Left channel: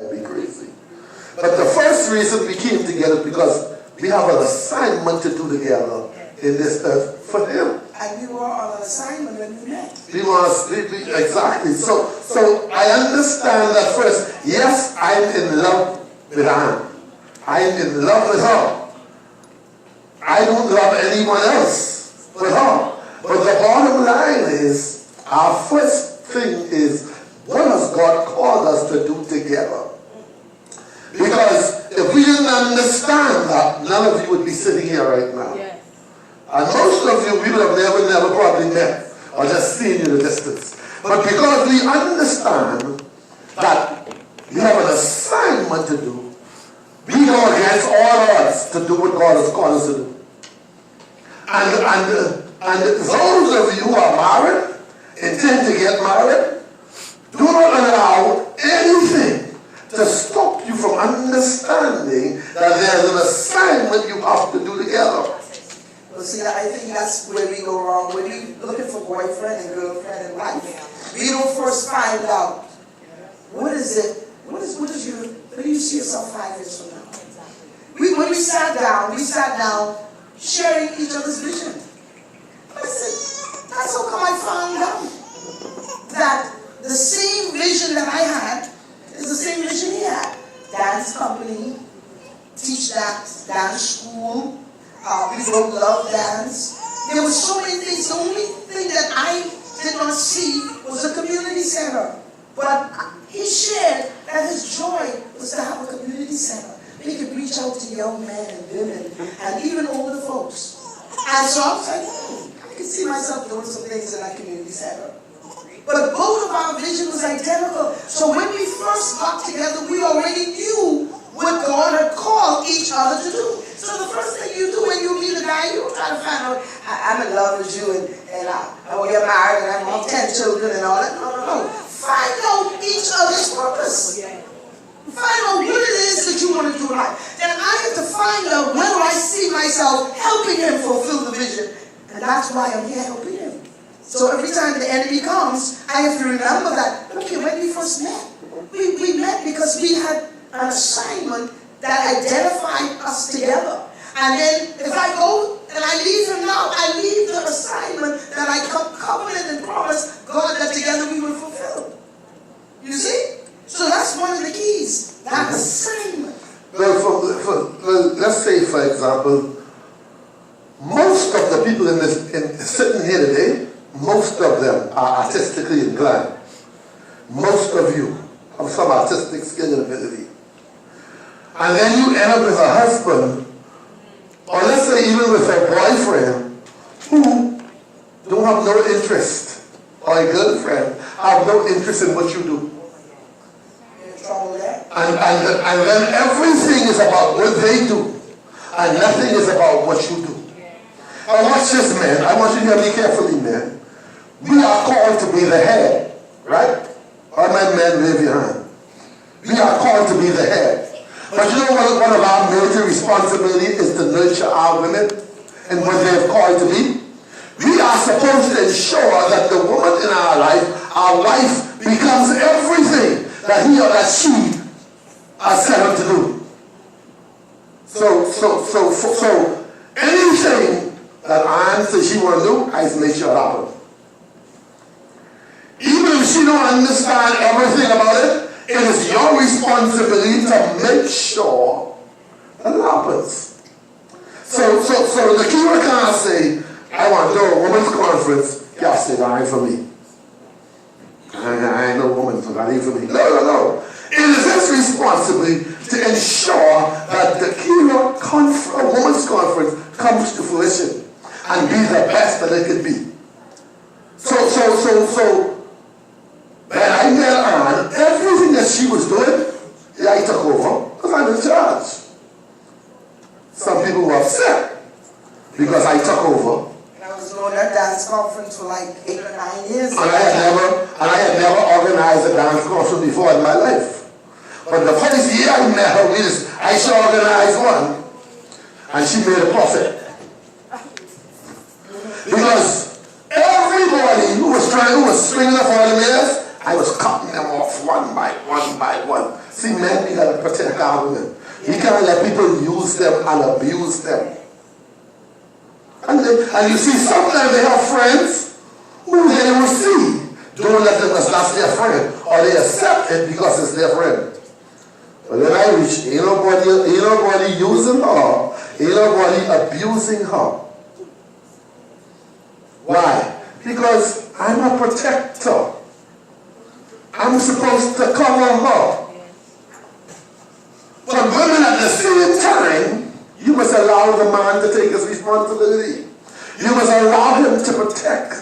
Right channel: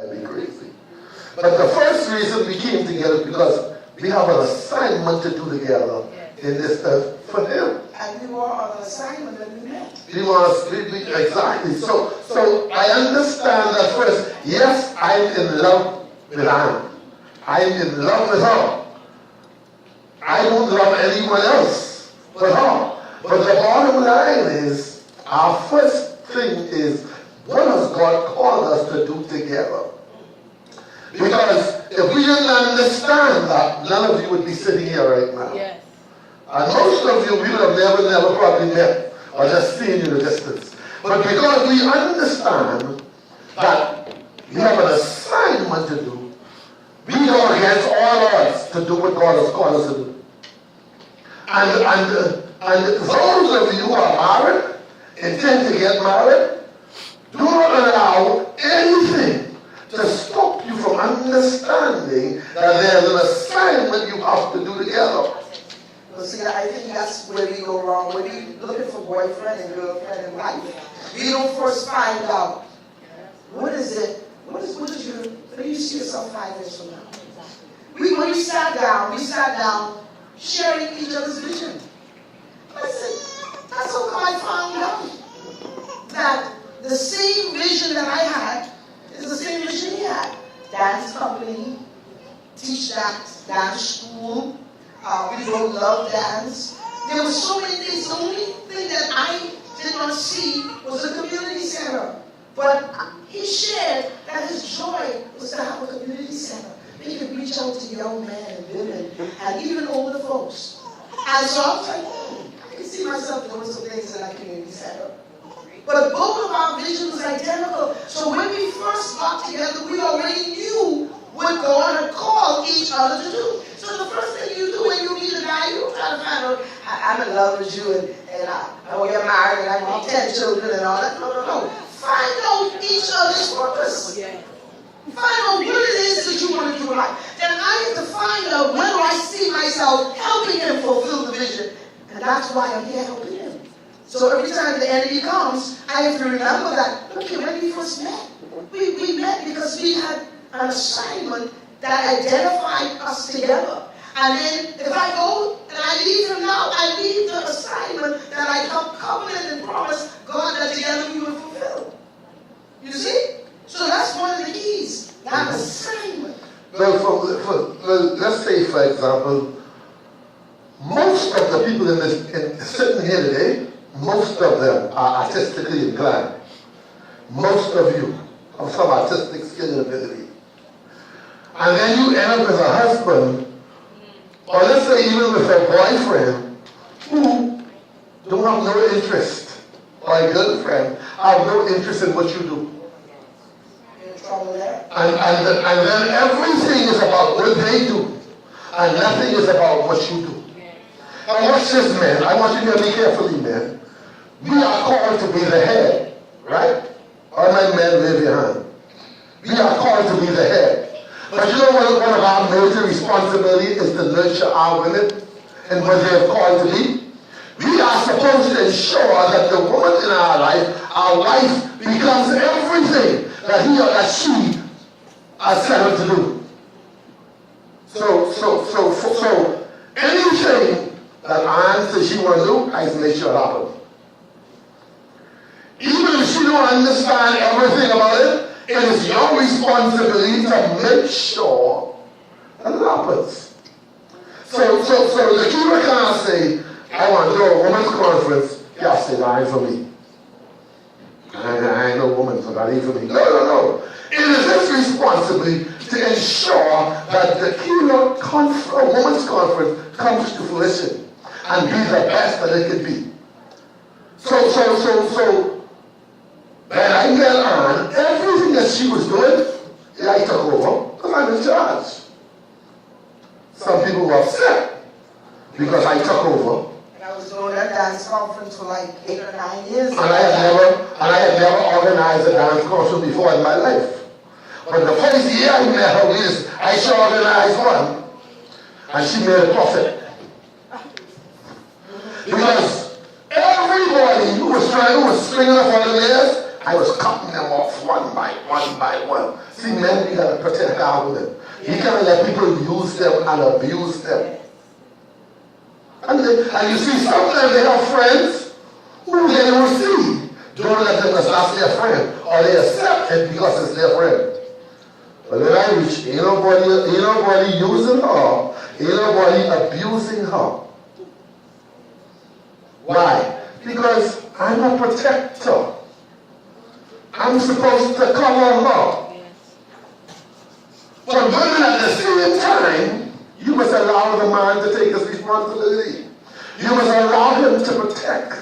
I'd be crazy. But the first reason we came together because we have an assignment to do together in this earth for him. And we were on an assignment and we met. Exactly. So I understand that first, yes, I'm in love with Anne. I'm in love with her. I don't love anyone else but her. But the bottom line is, our first thing is, what has God called us to do together? Because if we didn't understand that, none of you would be sitting here right now. Yes. And most of you would have never probably met or just seen you in the distance. But because we understand that we have an assignment to do, we go against all odds to do what God has called us to do. And those of you who are married, intend to get married, do not allow anything to stop you from understanding that there's an assignment you have to do together. Well, see, I think that's where we go wrong. When we looking for boyfriend and girlfriend and wife, we don't first find out what is it. What do you see yourself 5 years from now? When we sat down, sharing each other's vision. I said, that's how I found out that the same vision that I had is the same vision he had. Dance company, teach dance school. We both love dance. There were so many things. The only thing that I did not see was a community center. But he shared that his joy was to have a community center. They can reach out to young men and women and even older folks. And so I was like, I can see myself doing some things in that community center. But both of our visions was identical. So when we first got together, we already knew what God had called each other to do. So the first thing you do when you meet a guy, you try to find out, I'm in love with you and I'll get married and I want 10 children and all that. No. Find out each other's purpose. Find out what it is that you want to do right. Then I have to find out where I see myself helping him fulfill the vision. And that's why I can't help him. So every time the enemy comes, I have to remember that, look, when we first met, we met because we had an assignment that identified us together. And then if I go and I leave him now, I leave the assignment that I covenant and promise God that together we will fulfill. You see? So that's one of the keys. That assignment. Well, let's say, for example, most of the people sitting here today, most of them are artistically inclined. Most of you have some artistic skill and ability. And then you end up with a husband, or let's say even with a boyfriend, who don't have no interest, or a girlfriend, have no interest in what you do. And then everything is about what they do, and nothing is about what you do. And watch this, man. I want you to be carefully, man. We are called to be the head, right? All my men, wave your hand. We are called to be the head. But you know what one of our major responsibilities is to nurture our women and what they have called to be? We are supposed to ensure that the woman in our wife, becomes everything that he or that she has set her to do. So anything that Anne says she want to do, I make sure it happen. Even if she don't understand everything about it, it is your responsibility to make sure that it happens. So the keeper cannot say, I want to do a women's conference, can't say that ain't for me. I ain't no woman, so that ain't for me. No. It is his responsibility to ensure that the Kira women's conference comes to fruition and be the best that it can be. So when I met her, everything that she was doing, I took over because I'm in charge. Some people were upset because I took over. And I was doing that dance conference for like 8 or 9 years. And I had never organized a dance conference before in my life. But the first year I met her, I should organize one. And she made a profit. Because everybody who was springing up on the years, I was cutting them off one by one. See, men, you gotta protect our women. You can't let people use them and abuse them. And you see, sometimes they have friends who they don't see. Don't let them as that's their friend. Or they accept it because it's their friend. But when I reach, ain't nobody using her, ain't nobody abusing her. Why? Because I'm a protector. I'm supposed to cover her. But women at the same time, you must allow the man to take his responsibility. You must allow him to protect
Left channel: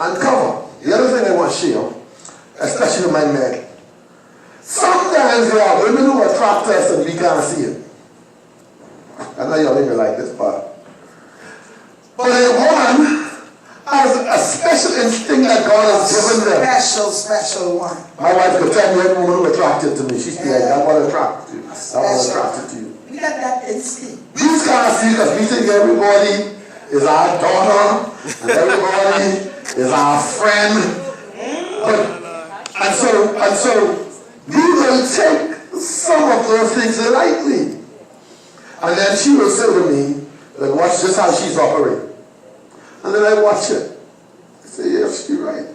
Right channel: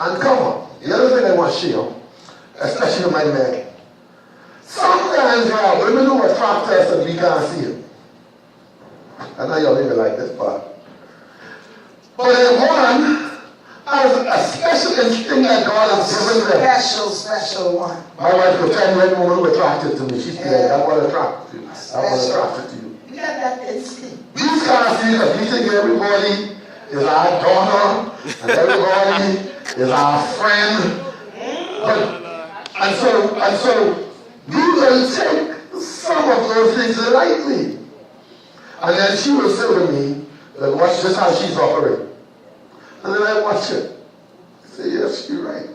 and cover. The other thing I want to share, especially my men. Sometimes there are women who attract us and we can't see it. I know y'all even like this part. But in one has a special instinct that God has given them. Special one. My wife could tell me every woman who attracted to me. She's like, I want to attract you. I want to attract to you. We got that instinct. We can't see that. We think everybody is our daughter and everybody is our friend. And so we will take some of those things lightly. And then she will say to me, watch this how she's operating. And then I watch it. I say, yes, she's right.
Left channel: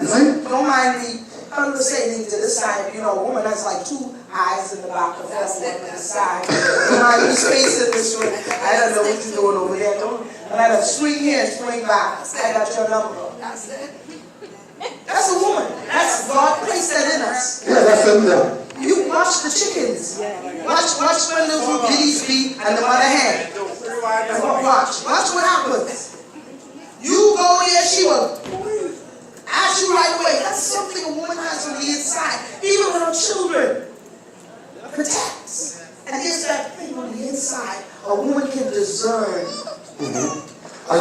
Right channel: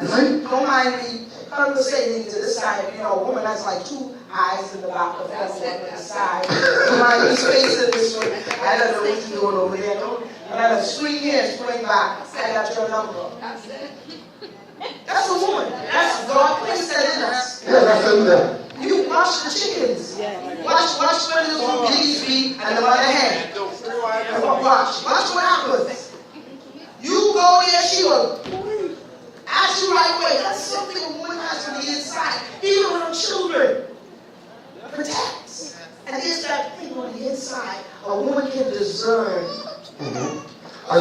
You see? Don't mind me conversating to the side. You know, a woman has like two eyes in the back of her on the side. When I use face it this way, I don't know what to do over there. When I have swing here and swing back, I got your number. That's it. That's a woman. That's God placed that in us. Yeah, that's in there. You watch the chickens. Watch when those bees be and the one hand. Watch what happens. You go there, she will ask you right away. That's something a woman has on the inside. Even with her children. Protects. And it's that thing on the inside a woman can discern. Mm-hmm. And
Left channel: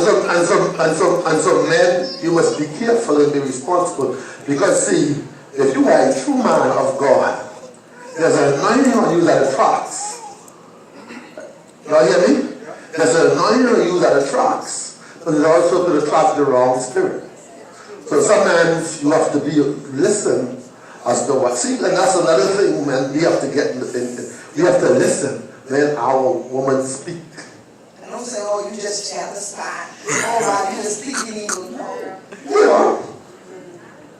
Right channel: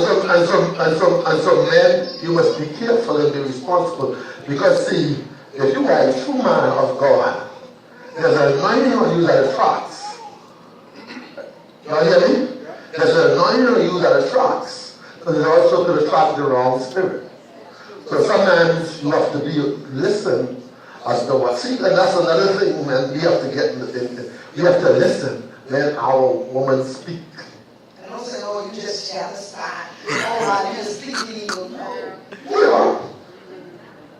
so men, you must be careful and be responsible. Because see, if you are a true man of God, there's an anointing on you that attracts. You hear me? There's an anointing on you that attracts. But it also could attract the wrong spirit. So sometimes you have to listen as the what. See, and that's another thing, man. You have to you have to listen when our woman speak. And don't say, oh, you just jealous. Oh, you just speaking evil. No. Yeah.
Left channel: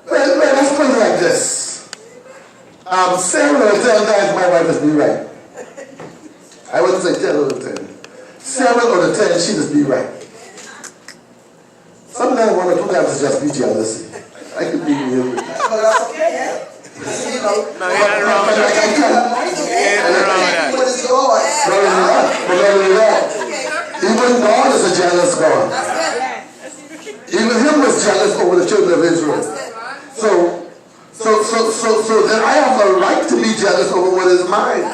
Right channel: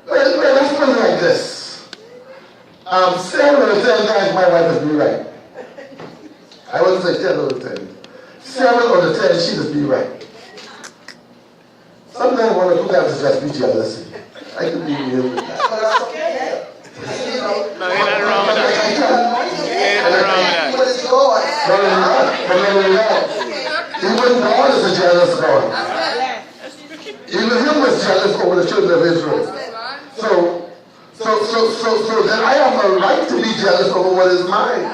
Let's put it like this. Sarah will tell guys my wife is be right. I wouldn't say 10 out of 10. 7 out of 10, she must be right. Sometimes one or two times is just be jealousy. I can be real with that. That's okay. No, ain't nothing wrong with that. Ain't nothing wrong with that. Even God is a jealous God. Even him was jealous over the children of Israel. So then I have a right to be jealous over what is mine.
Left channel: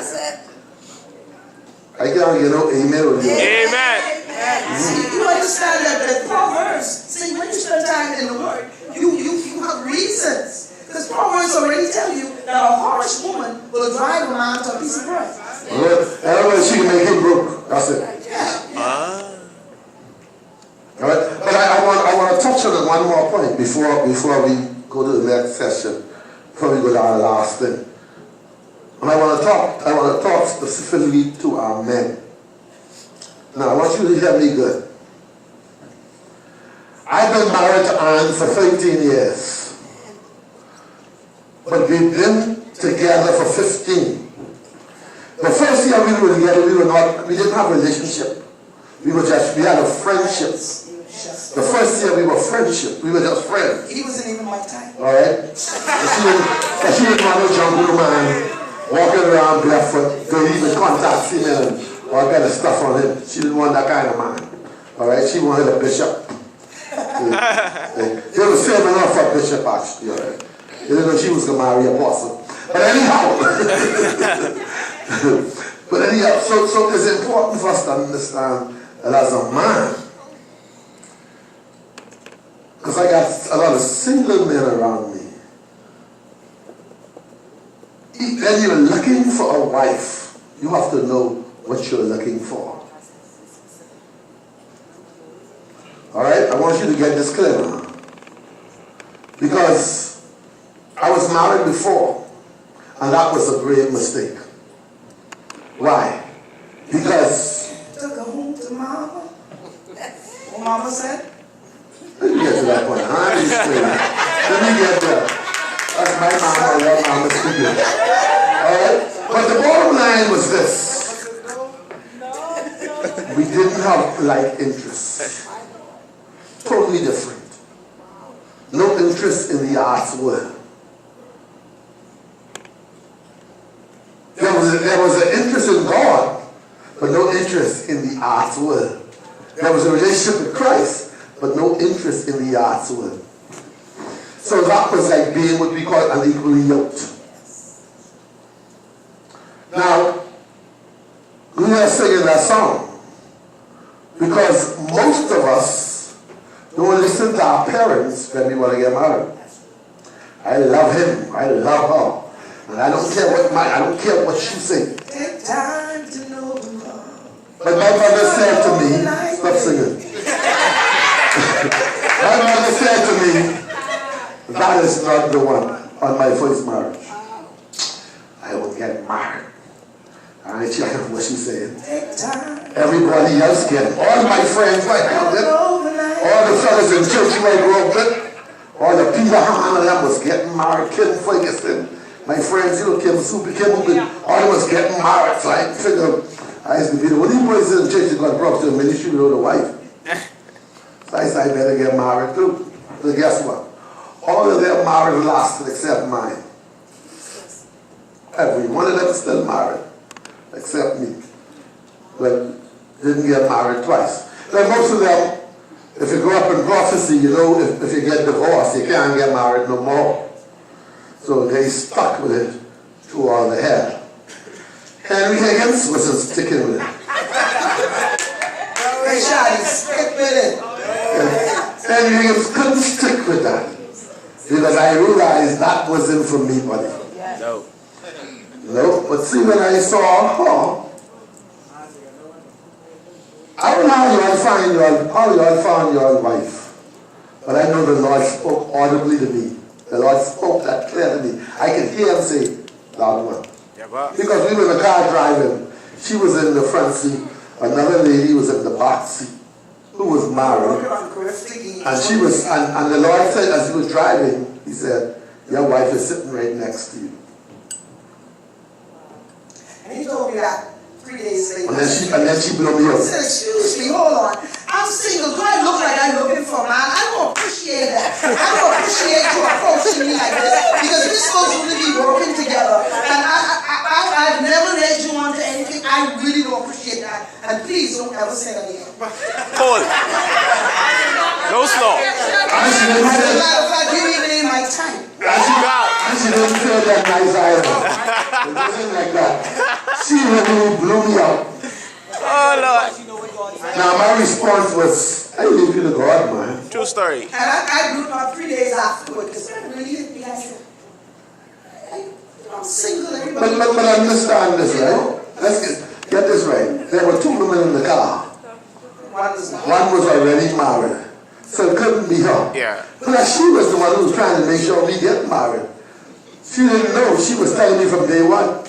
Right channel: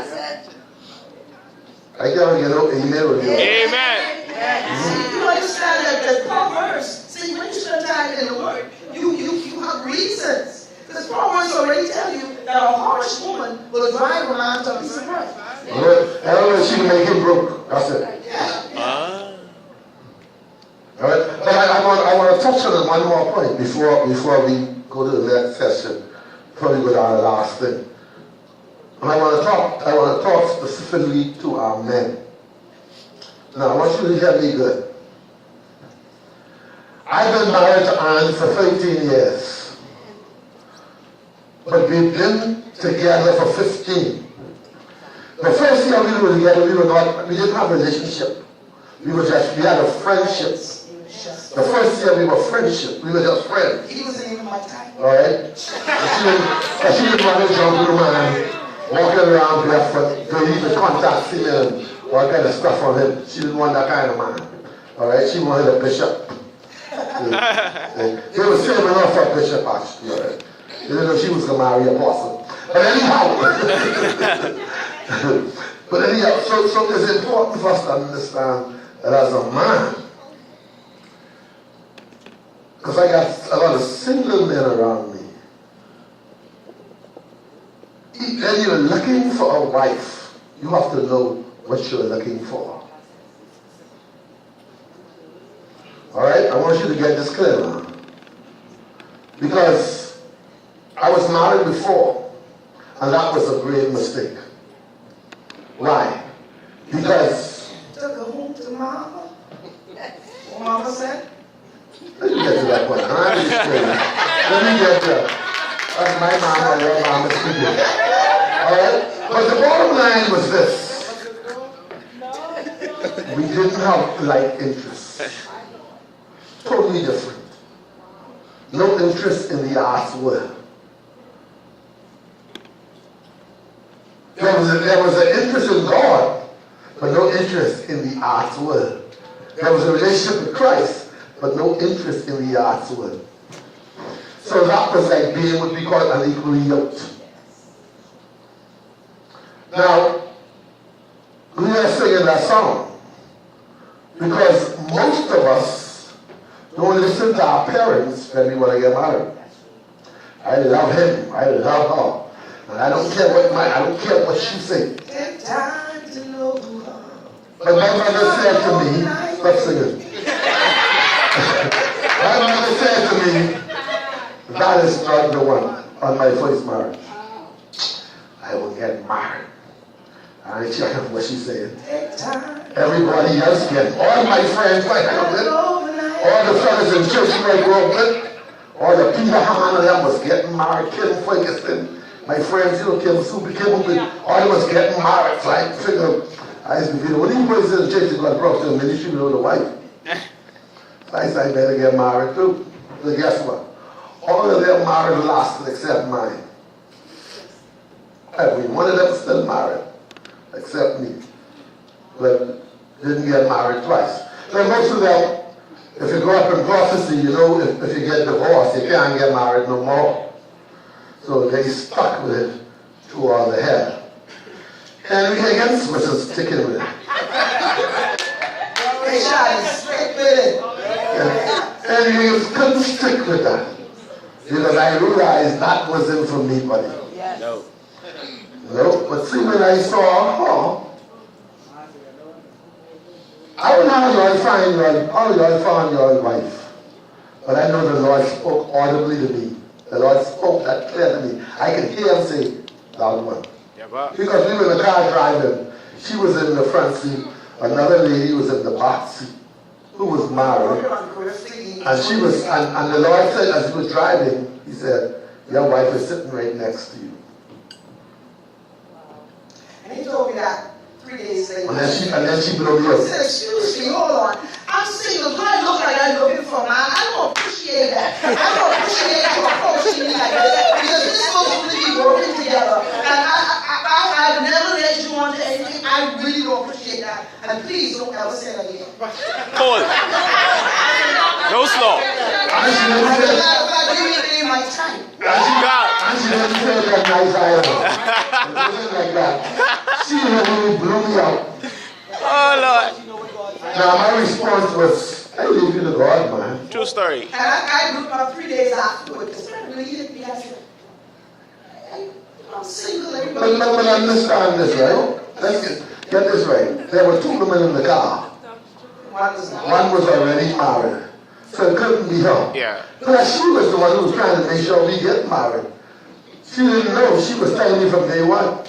I can't get no amen or Amen. See, you understand that the Proverbs, see, when you spend time in the Word, you have reasons. Because Proverbs already tell you that a harsh woman will drive a man to a piece of bread. I don't know if she make him broke. That's it. Yeah. Alright? But I want to touch on one more point before we go to the next session. Before we go down to the last thing. And I want to talk specifically to our men. Now, I want you to hear me good. I've been married to Anne for 13 years. But we've been together for 15. The first year we were together, we didn't have a relationship. We had a friendship. The first year we were friendship. We were just friends. He was in my time. Alright? She didn't want to jump man, walking around barefoot, deleting contacts in him, all kind of stuff on him. She didn't want that kind of man. Alright? She wanted a bishop. They were still enough for a bishop, actually. Alright? They didn't know she was going to marry an apostle. But anyhow, so it's important for us to understand that as a man, because I got a lot of single men around me. When you're looking for a wife, you have to know what you're looking for. Alright? I want you to get this clear now. Because I was married before. And that was a great mistake. Why? Because... Took her home to mama. What mama said? Let me get to that point. Let me get there. That's my mama, your mama speaking. Alright? But the bottom line was this. We didn't have like interests. Totally different. No interest in the arts world. There was an interest in God, but no interest in the arts world. There was a relationship with Christ, but no interest in the arts world. So that was like being what we call unequally yoked. Now, we are singing that song because most of us don't listen to our parents when we want to get married. I love him, I love her. And I don't care what she says. Take time to know love. But my mother said to me, stop singing. My mother said to me, that is not the one on my first marriage. I will get married. And she heard what she said. Take time. Everybody else can. All my friends I had with, all the fellas in church who I grew up with, all the Peter Hammond that was getting married, Kim Ferguson. My friends, Kim Super Kim, all of us getting married. So I figured, I used to be the only boys in the church that got brought to the ministry with a wife. So I said, I better get married too. So guess what? All of their marriage lasted except mine. Every one of them still married, except me. But didn't get married twice. Then most of them, if you grow up in prophecy, you know, if you get divorced, you can't get married no more. So they stuck with it through all the hell. Henry Higgins wasn't sticking with it. Stick with it. Henry Higgins couldn't stick with that. Because I realized that wasn't for me, buddy. No. No, but see, when I saw her, I don't know how Lord found your wife. But I know the Lord spoke audibly to me. The Lord spoke that clearly to me. I can hear him say, loud one. Yeah, but Because we were in the car driving. She was in the front seat. Another lady was in the back seat, who was married. And she was, and the Lord said, as he was driving, he said, your wife is sitting right next to you. And he told me that 3 days later. And then she blew me I up. said, excuse me, hold on. I'm single. Do I look like I'm looking for a man? I don't appreciate that. I don't appreciate you approaching me like this. Because we're supposed to really be working together. And I've never led you on to anything. I really don't appreciate that. And please don't ever say that again. Paul. No slow. And she didn't say that. You need my time. God. And she didn't say that nice either. It wasn't like that. She really blew me up. Oh, Lord. Now my response was, I leave you to God, man. True story. And I grew up 3 days afterward because that really hit me. I said, hey, I'm single, everybody. But understand this, right? Let's get this right. There were two women in the car. One was already married, so it couldn't be her. Yeah. But she was the one who was trying to make sure we get married. She didn't know. She was telling me from day one,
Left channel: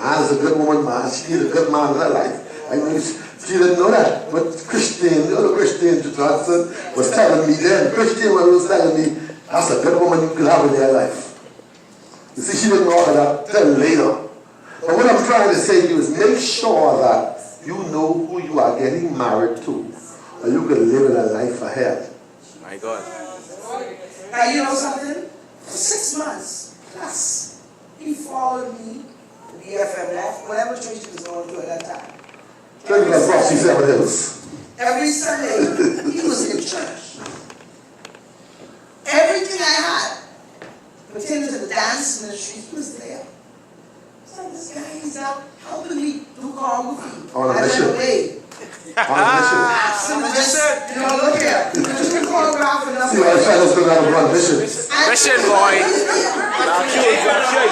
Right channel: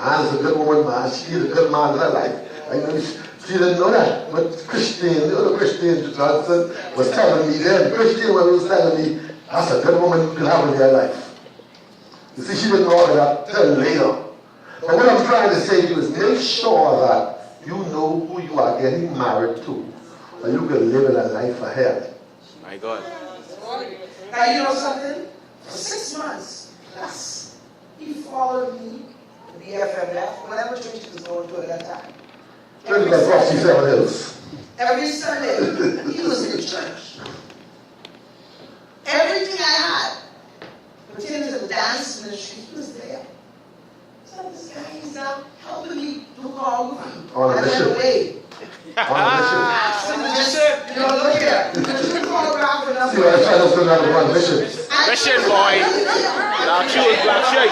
I was a good woman, man. She needed a good man in her life. And she didn't know that. But Christine, the other Christine Johnson, was telling me then. Christine was telling me, that's a good woman you could have in your life. You see, she didn't know that till later. But what I'm trying to say to you is make sure that you know who you are getting married to, or you can live a life ahead. My God. Now, you know something? For 6 months, plus, he followed me to BFMF, whatever church he was going to at that time. Every Sunday, he was in church. Everything I had pertaining to the dance ministry, he was there. So this guy, he's out helping me do choreography. On a mission. You know, look here. You choreograph enough. See, my fellas going to have a mission. Mission, boy. Black shoes, black shirt.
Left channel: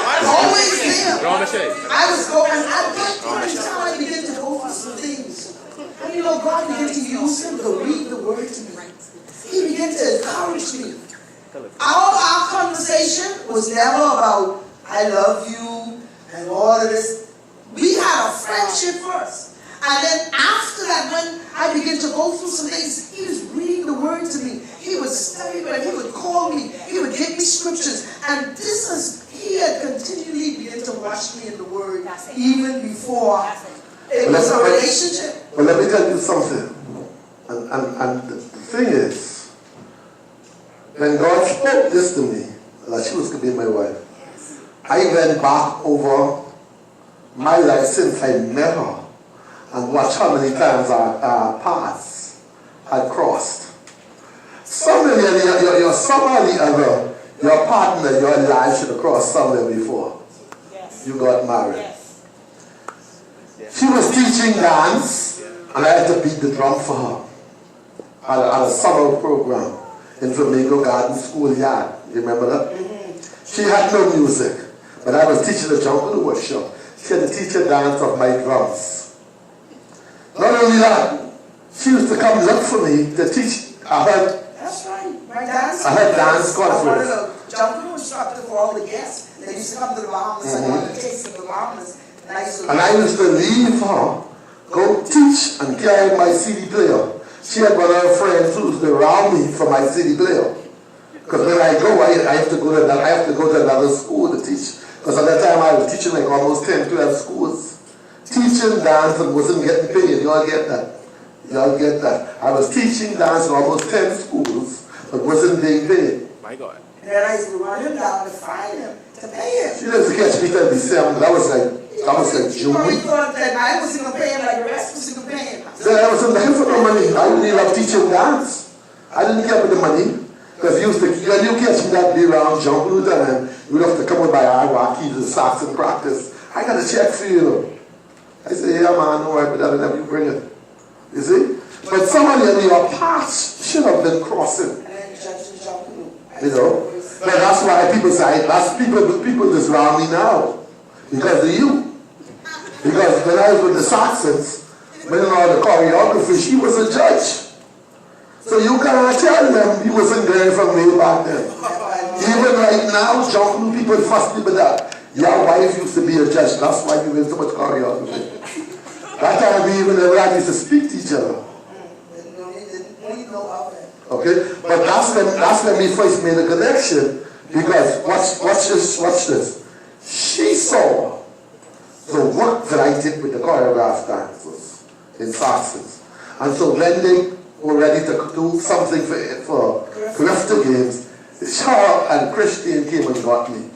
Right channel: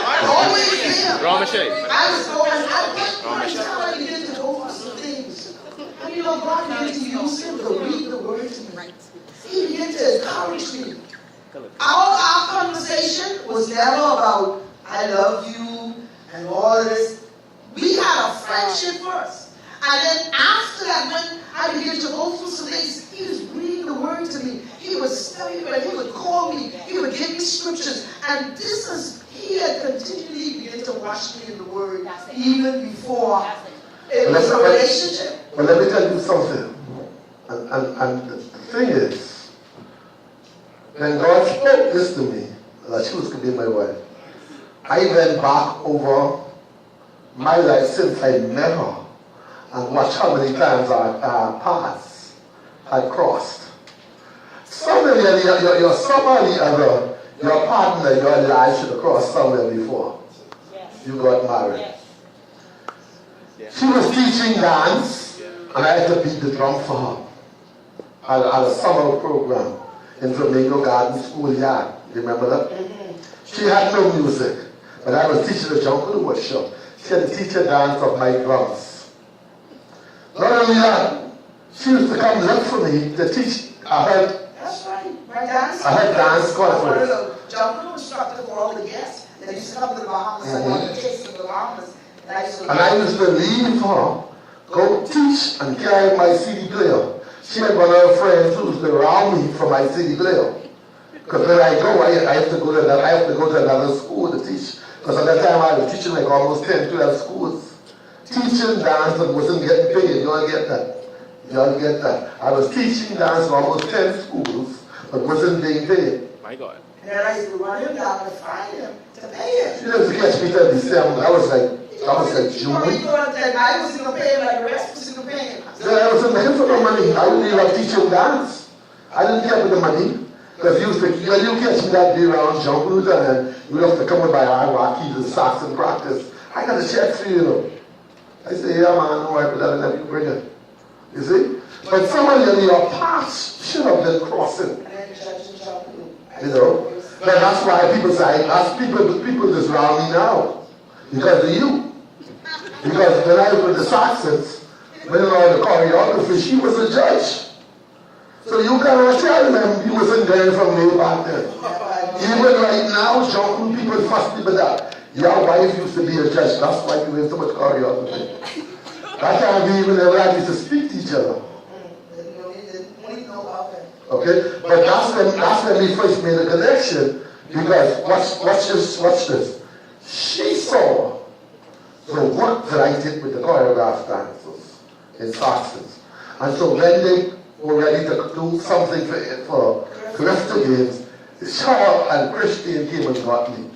Raw mission. I was going out. I was trying to get to go for some things. And you know, God began to use him to read the word to me. He began to encourage me. Our conversation was never about, I love you, question first. And then after that, when I began to go through some things, he was reading the word to me. He would study it, he would call me, he would give me scriptures. And this is, he had continually begun to watch me in the word even before it was a relationship. But let me tell you something. And the thing is, when God spoke this to me, that she was going to be my wife, I went back over my life since I met her and watched how many times our paths had crossed. Somebody, you're somebody ever, your partner, your life should have crossed somewhere before you got married. She was teaching dance, and I had to beat the drum for her at a summer program in Flamingo Garden Schoolyard. You remember that? She had no music, but I was teaching a jungle workshop. She had to teach her dance of my drums. Not only that, she used to come look for me to teach. That's right. My dance. I had dance classes. A jungle instructor for all the guests. They used to come to the Bahamas, and tasting the Bahamas. And I used to leave her, go teach, and carry my CD player. She had one of her friends who used to round me for my CD player. Because when I go, I have to go to another school to teach. Because at that time I was teaching like almost 10, 12 schools. Teaching dance and wasn't getting paid. You all get that? You all get that? I was teaching dance in almost 10 schools, but wasn't being paid. My God. And then I used to run him down to find him, to pay him. She didn't catch me till December. That was like June. You thought that I was going to pay him like the rest was going to pay him. Then I wasn't looking for the money. I didn't even like teaching dance. I didn't care for the money. Because when you catch me that day around jungle and you have to come with my Iraqis and socks and practice, I got a check for you. I say, yeah man, all right, but I'll never bring it. You see? But somebody in your past should have been crossing. You know? And that's why people say, people just round me now. Because of you. Because when I was with the Saxons, when I was the choreographer, she was a judge. So you cannot tell them you wasn't there from way back then. Even right now, jumping people fuss people that your wife used to be a judge, that's why you did so much choreography. That time we even never used to speak to each other. Okay? But that's when we first made a connection. Because watch this. She saw the work that I did with the choreographed dancers in Saxons. And so when they were ready to do something for Grafter Games, Charles and Christian came and got me.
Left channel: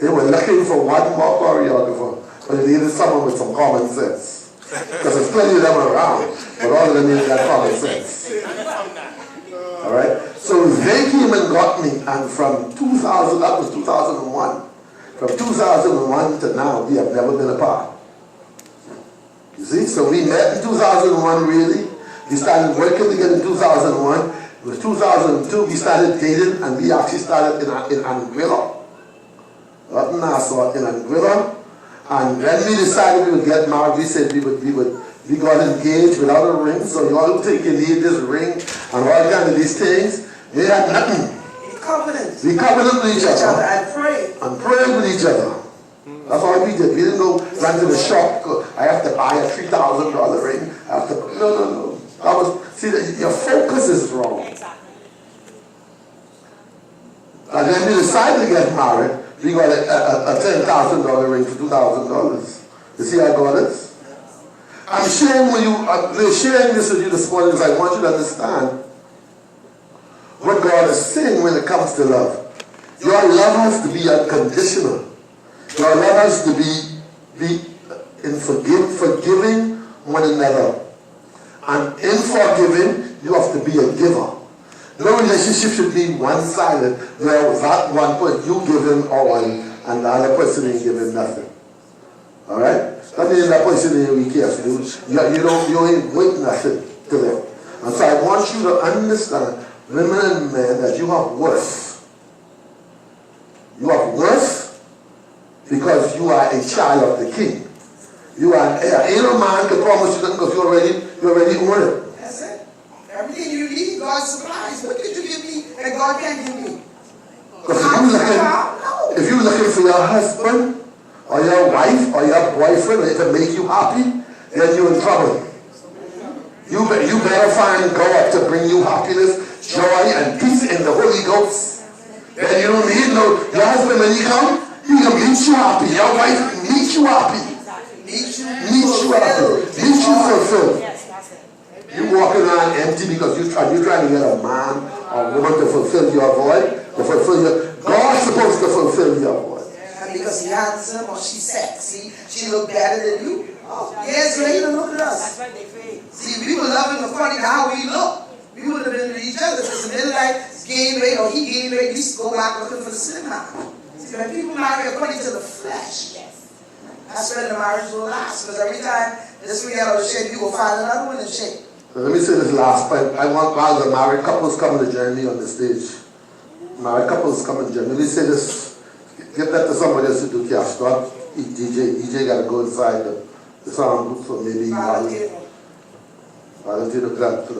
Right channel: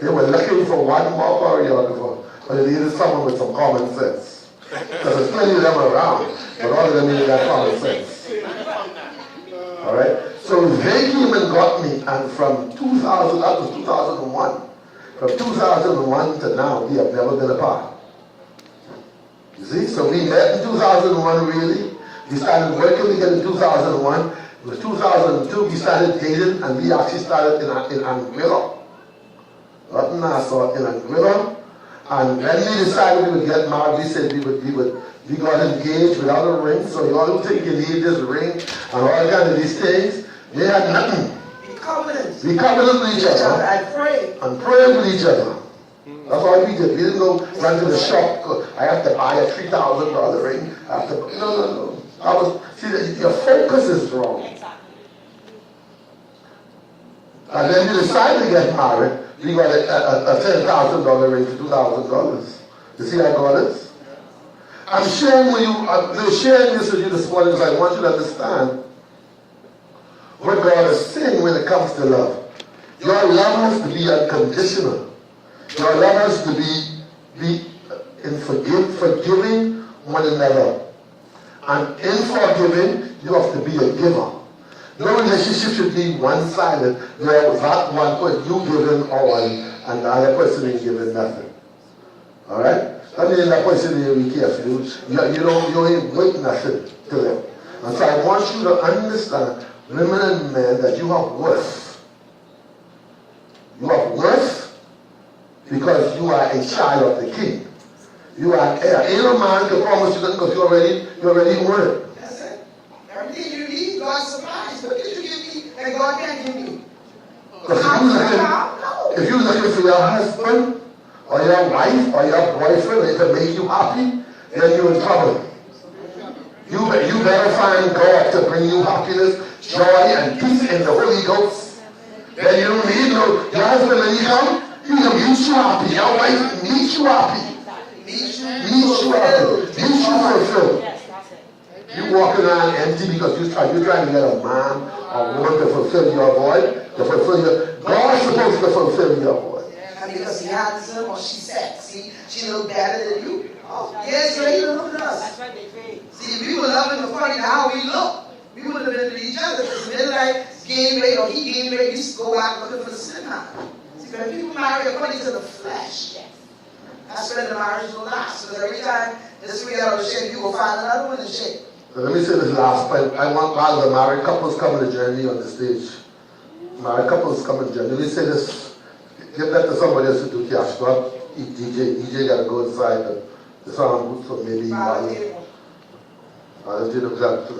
They were looking for one more choreographer, but they needed someone with some common sense. Because there's plenty of them around, but all of them needed that common sense. Alright? So they came and got me, and from 2000, that was 2001. From 2001 to now, we have never been apart. You see? So we met in 2001, really. We started working again in 2001. It was 2002, we started dating, and we actually started in Anguilla. Not in Nassau, in Anguilla. And when we decided we would get married, we said we got engaged without a ring, so you all think you need this ring and all kind of these things. We had nothing. We covenanted with each other. And prayed with each other. That's all we did. We didn't go run to the shop. I have to buy a $3,000 ring. I have to, no. See, your focus is wrong. And then we decided to get married. We got a $10,000 ring for $2,000. You see how God is? I'm sharing this with you this morning because I want you to understand what God is saying when it comes to love. Your love has to be unconditional. Your love has to be in forgiving one another. And in forgiving, you have to be a giver. No relationship should be one-sided, where that one person, you give him all, and the other person is giving nothing. Alright? That means that person is careful. You ain't worth nothing to them. And so I want you to understand, women and men, that you have worth. You have worth because you are a child of the King. You are an heir. Ain't no man can promise you that because you already own it. That's it. Everything you need, God supplies. What did you give me that God can't give me? If you're looking for your husband or your wife or your boyfriend and it will make you happy, then you're in trouble. You better find God to bring you happiness, joy, and peace in the Holy Ghost. Then you don't need your husband when he comes, he will meet you happy. Your wife meet you happy. Meet you happy. Meet you fulfilled. You walking around empty because you're trying to get a man or woman to fulfill your void, to fulfill your. God is supposed to fulfill your void. And because you're handsome or she's sexy, she look better than you. Oh, yes, so you look at us. That's what they think. See, we were loving according to how we look. We would have been with each other. If it's midnight, gain weight, or he gained weight, we used to go out looking for the cinema. See, when people marry according to the flesh, that's when the marriage will last. Because every time this we out of shape, you will find another one in shape. Let me say this last point. I want all the married couples coming to journey on the stage. Married couples coming to journey. Let me say this. Get that to somebody else to do cash. Not DJ. DJ got to go inside the sound booth for maybe. Valentines got to